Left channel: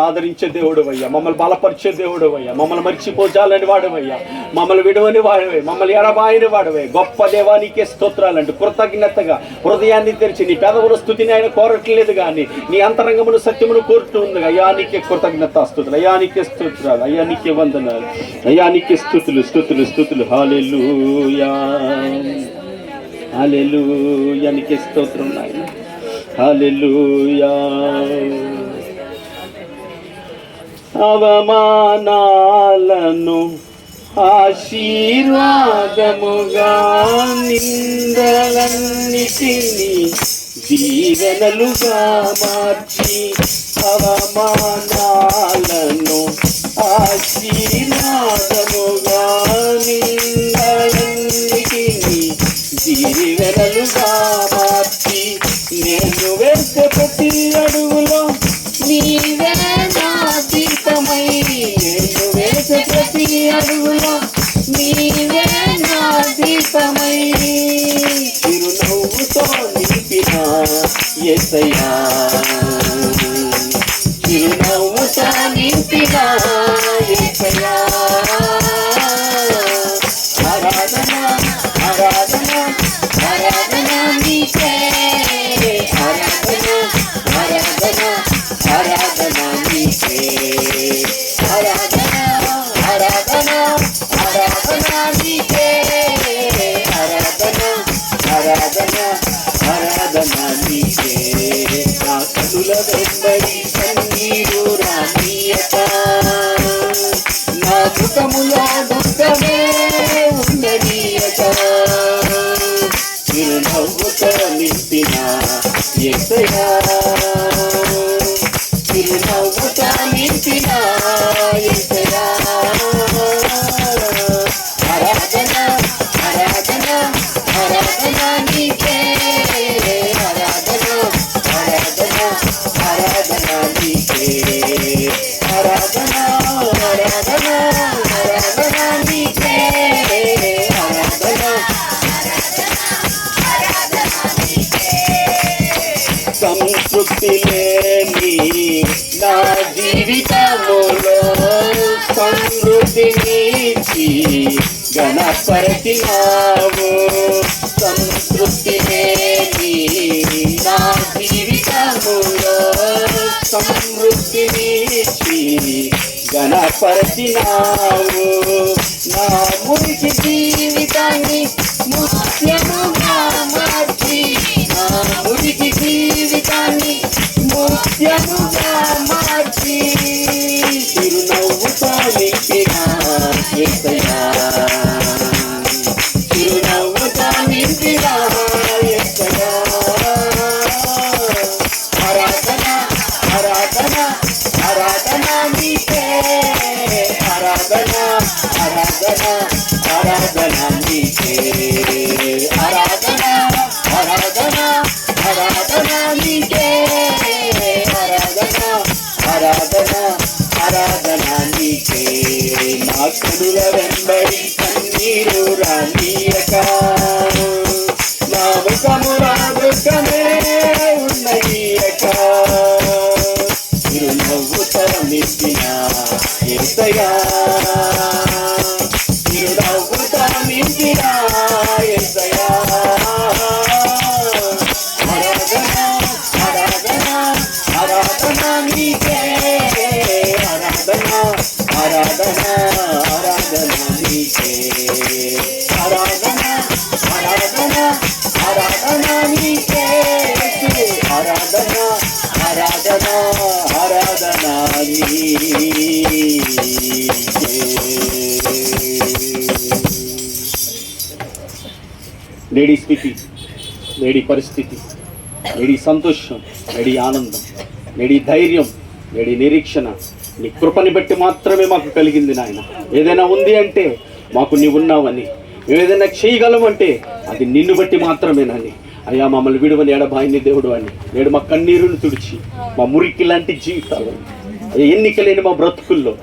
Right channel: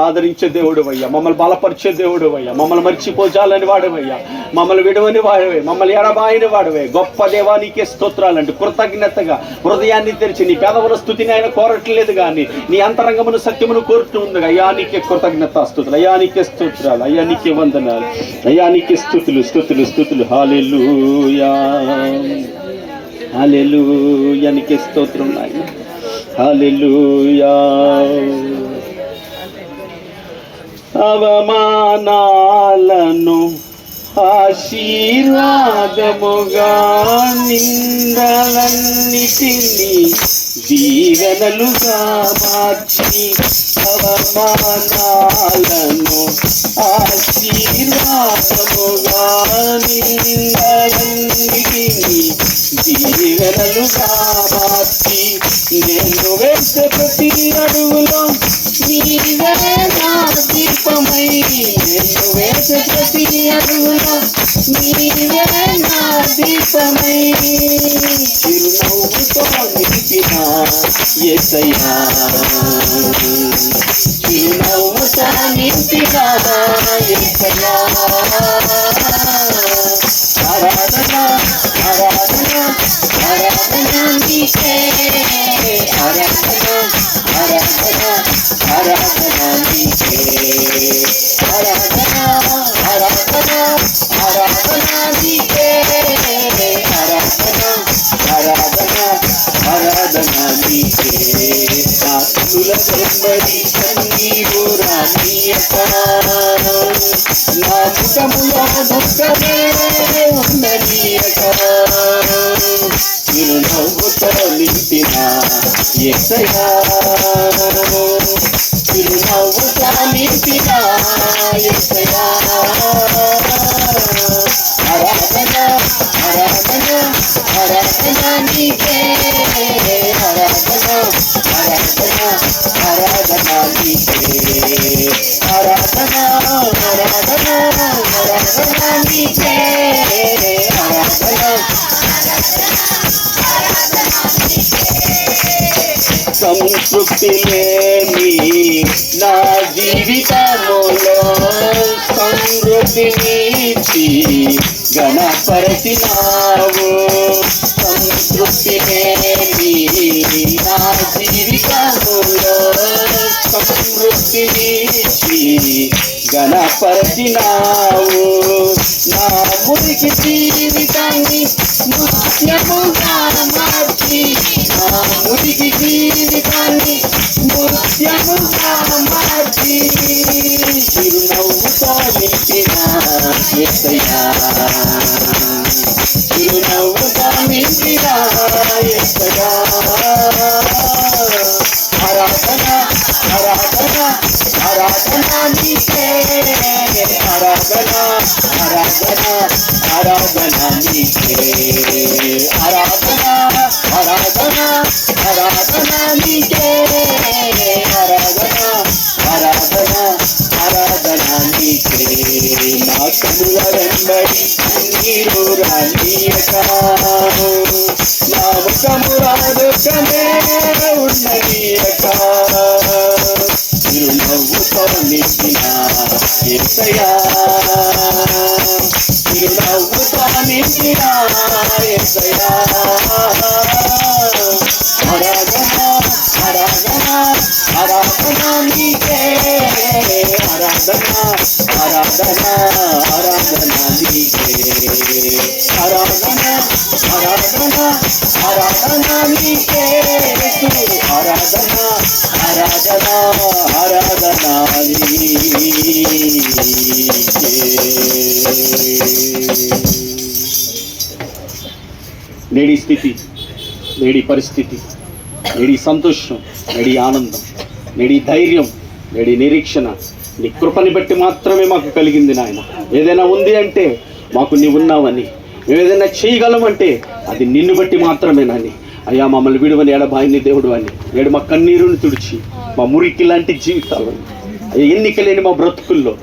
ఆదరించే దేవుడు అయ్యా మమ్మల్ని బలపరిచే దేవుడు అయ్యా మమ్మల్ని మర్చిపోచాలని వాడవయ్యా. మమ్మల్ని విడవని వాడవే. మమ్మల్ని ఎడబాయని వాడవే. గొప్ప దేవానికే స్తోత్రాలంటూ కృతజ్ఞతగా హృదయాన్ని తెరిచి నీ పేదవుల స్థుతిని ఆయన కోరట్లేదు కానీ నీ అంతరంగమును సత్యమును కోరుతూ ఉంది అయ్యా నీకే కృతజ్ఞత స్థుతులు. అయ్యా నీకే స్తోత్రాలు. అయ్యా నీకే వందనాలు. అయ్యా నీకే స్థుతులు స్థుతులు స్థుతులు. హాలెలుయా హాలెలూయా నీకే స్తోత్రం నాయన. హాలెలుయా అవమానాలను ఆశీర్వాదముగా నిందలన్నిటిని దీవెనలుగా మార్చి అవమానాలను ఆశీర్వాదము దీపమై చిరునవ్వుతో నింపిన ఎసయ్యా చిరునవ్వుతో నింపిన కనుల రానీయక నా ముఖములో దుఃఖమే ఉన్నదీయక చిరునవ్వుతో నింపిన ఎసయా నీకే ఆరాధన ఆరాధన ఆరాధన నీకే ఆరాధన సంతృప్తి లేని నా జీవితములో గణపరచినావు. సంతృప్తి సమృద్ధినిచ్చి గణపరచినావు. నా మురికి జీవితాన్ని ముత్యముగా మార్చి నా మురికి జీవితాన్ని ముత్యముగా మార్చి. చిరునవ్వు సాధించిన ఎత్తయ్యా. నీకే ఆరాధన ఆరాధన ఆరాధన నీకే ఆరాధన ఆరాధన ఆరాధన నీకే నా కనుల వెంబడి కన్నీరు రానీయక నా ఉన్నయక చిరునవ్వుతో ఎసయా నింపిన ఎసయా ఆరాధన ఆరాధన నేడి స్థితి నేడి పరిస్థితి నేడి సంతోషం నేడి ఆనందం నేడి ధైర్యం నేడి నిరీక్షణ. నీ కృపని బట్టి మాత్రమే మాకు కలిగింది నాయన. ఏదైనా ఉంది అంటే మాకు నీవు ఉన్నావని. మేము ఏదైనా చేయగలమంటే అది నిన్ను బట్టి మాత్రమే నాని అయ్యా మమ్మల్ని విడువని ఎడబాయిని దేవుడు అని. నేడు మా కన్నీరుని తుడిచి మా మురికి లాంటి జీవితాలను. ఎన్నిక లేని మా బ్రతుకుల్లో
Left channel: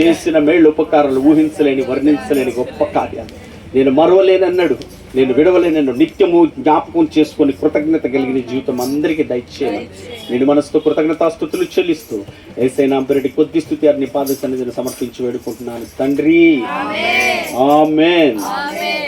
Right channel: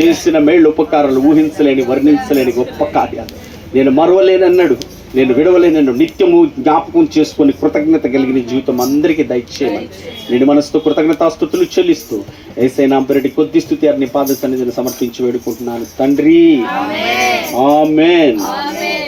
చేసిన మేళ్ళు ఉపకారాలు ఊహించలేని వర్ణించలేని గొప్ప కార్యాలు. నేను మరవలేనన్నాడు. నేను విడవలే నన్ను నిత్యము జ్ఞాపకం చేసుకొని కృతజ్ఞత కలిగిన జీవితం అందరికీ దయచేయమని నేను మనసుతో కృతజ్ఞతాస్థుతులు చెల్లిస్తూ ఏసైనా పెరటి కొద్ది స్థుతి అన్ని పాద సన్నిధిని సమర్పించి వేడుకుంటున్నాను. తండ్రి. ఆమెన్.